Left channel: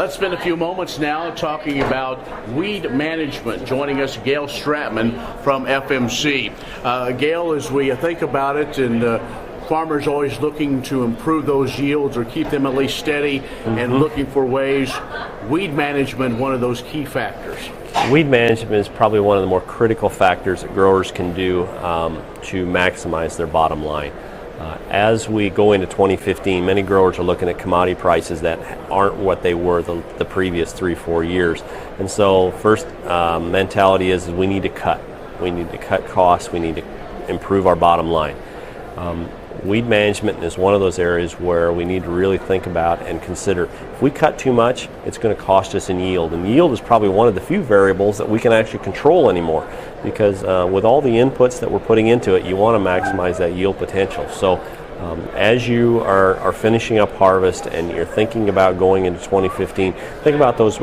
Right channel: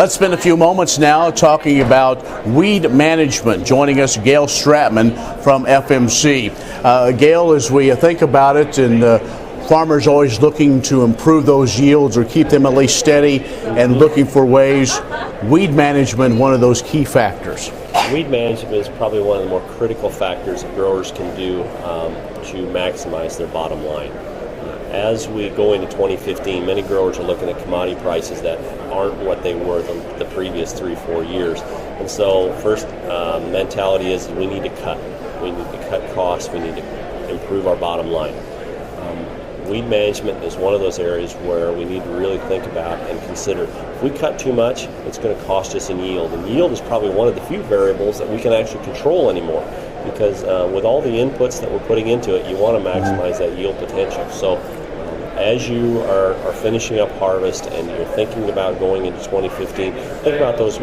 Let's spend a few moments now talking about weed management. Joining us, Gail Stratman from FMC. Gail, as we think about it, and farmers always looking to improve those yields or keep them at least steady and looking for ways, weed management, one of those key factors. Weed management is probably one of the more critical factors that growers can do to maximize their bottom line. As we go into 2015, many growers are looking at commodity prices that aren't what they were the previous 3-4 years. And so first mentality is we need to cut. We need to cut costs. We need to improve our bottom line. Weed management is one of those areas where we need to really think about and consider. If we cut too much, it's going to cost us in yield. And yield is probably one of the few variables that we can actually control anymore, because with all the inputs that we're putting into it, you want to maximize that yield potential. So as you are finishing up harvest and you're thinking about going into 2015, think about those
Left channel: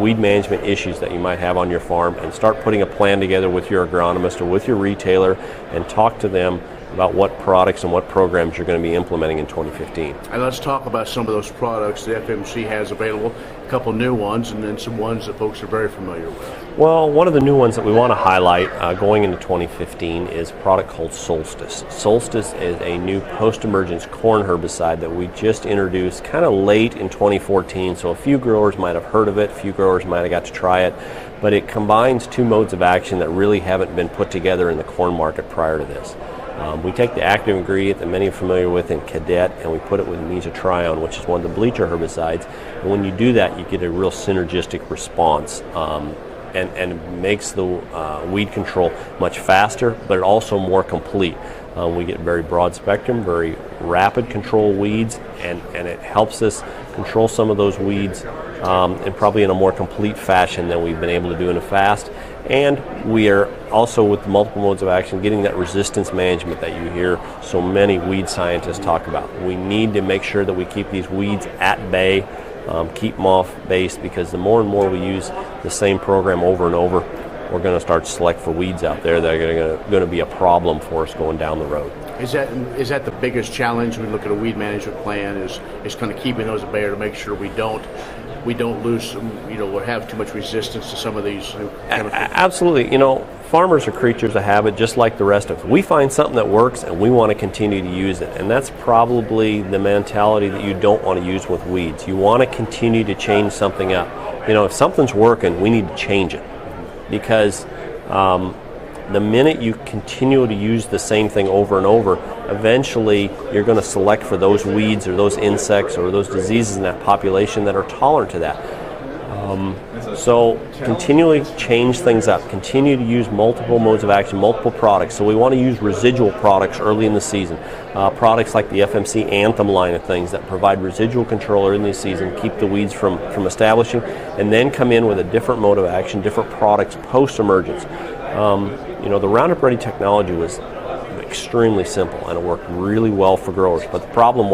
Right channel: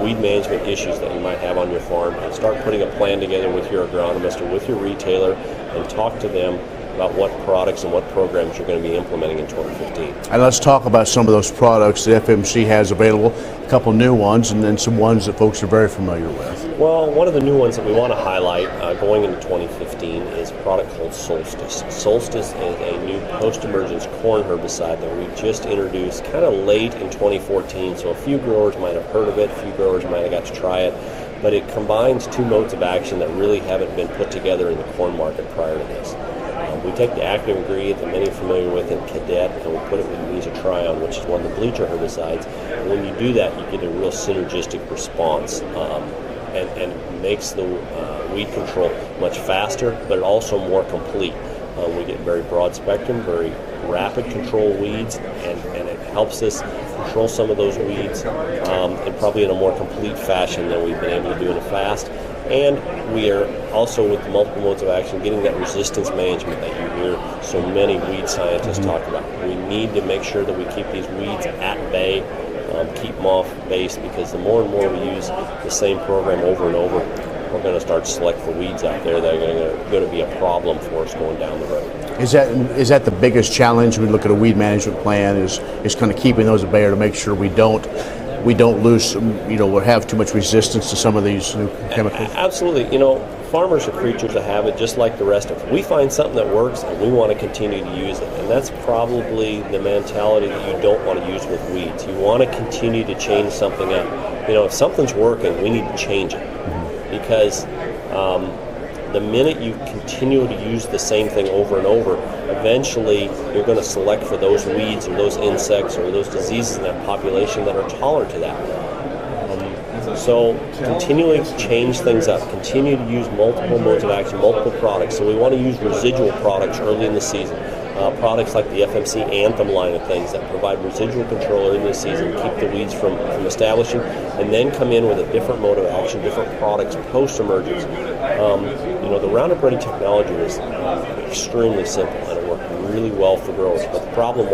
weed management issues that you might have on your farm and start putting a plan together with your agronomist or with your retailer and talk to them about what products and what programs you're going to be implementing in 2015. And let's talk about some of those products that FMC has available, a couple new ones and then some ones that folks are very familiar with. Well, one of the new ones that we want to highlight going into 2015 is a product called Solstice. Solstice is a new post-emergence corn herbicide that we just introduced kind of late in 2014, so a few growers might have heard of it, a few growers might have got to try it, but it combines two modes of action that really haven't been put together in the corn market prior to this. We take the active ingredient that many are familiar with in Cadet and we put it with mesotrione, which is one of the bleacher herbicides. And when you do that, you get a real synergistic response and makes the weed control much faster, but also more complete. We get very broad spectrum, very rapid control weeds, and it helps us control some of those weeds and probably in a more complete fashion than we've been able to do in the past. And we are also, with the multiple modes of action, getting that resistance management that you hear so many weed scientists talk about. We need to make sure that we keep these weeds at bay, keep them off base, because the more and more we use the same program over and over, we're going to start to select for weeds out there that are going to be a problem for us going down the road. Is that the biggest challenge when we look at a weed management plan, is kind of keeping those at bay to make sure we don't lose, or have too much resistance to some of these new chemicals? Absolutely. Farmers are creatures of habit just like the rest of us. We find something that works and we want to continue to use it. And that's probably the mentality that you don't want to use with weeds. You want to continue to change something up. If something's working, we need to change it. Because the minute you continue to use the same thing over and over, eventually you're going to select for those weeds or those insects or those diseases in that population that are tolerant to that. So continually change things up, continue to use multiple modes of action, multiple products. So we want to use residual products early in the season. Products like the FMC Anthem line of things that provide residual control early in the season, keep the weeds from establishing, and then come in with a different mode of action, different products post-emergence. The Roundup Ready technology was extremely simple and it worked really well for growers, but the problem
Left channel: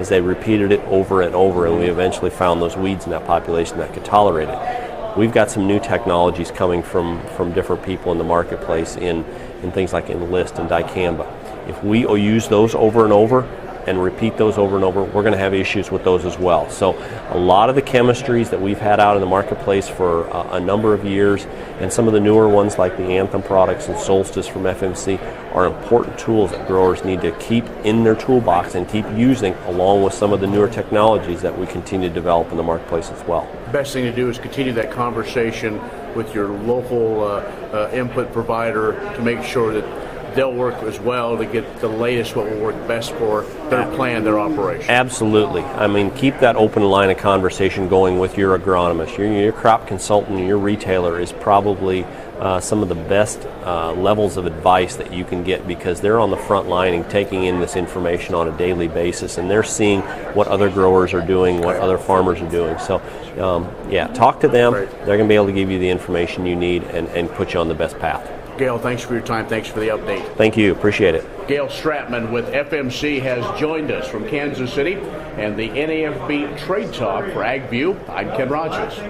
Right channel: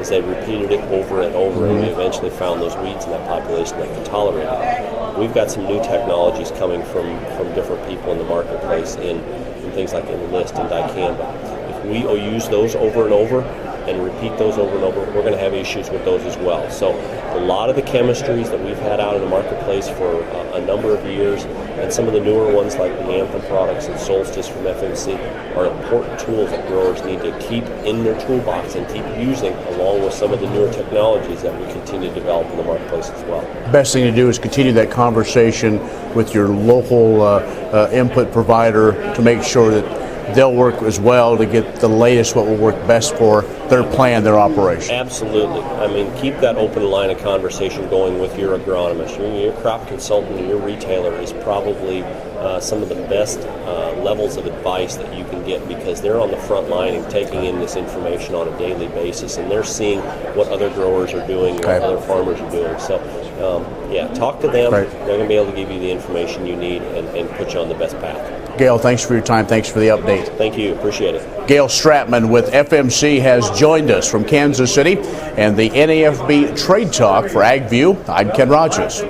is they repeated it over and over, and we eventually found those weeds in that population that could tolerate it. We've got some new technologies coming from different people in the marketplace in things like Enlist and dicamba. If we use those over and over and repeat those over and over, we're going to have issues with those as well. So a lot of the chemistries that we've had out in the marketplace for a number of years, and some of the newer ones like the Anthem products and Solstice from FMC, are important tools that growers need to keep in their toolbox and keep using, along with some of the newer technologies that we continue to develop in the marketplace as well. The best thing to do is continue that conversation with your local input provider to make sure that they'll work as well to get the latest, what will work best for their plan, their operation. Absolutely. Keep that open line of conversation going with your agronomist. Your crop consultant and your retailer is probably some of the best levels of advice that you can get, because they're on the front line and taking in this information on a daily basis, and they're seeing what other growers are doing, what other farmers are doing. So, talk to them. Right. They're going to be able to give you the information you need and put you on the best path. Gail, thanks for your time. Thanks for the update. Thank you. Appreciate it. Gail Stratman with FMC has joined us from Kansas City and the NAFB Trade Talk for AgView. I'm Ken Rogers.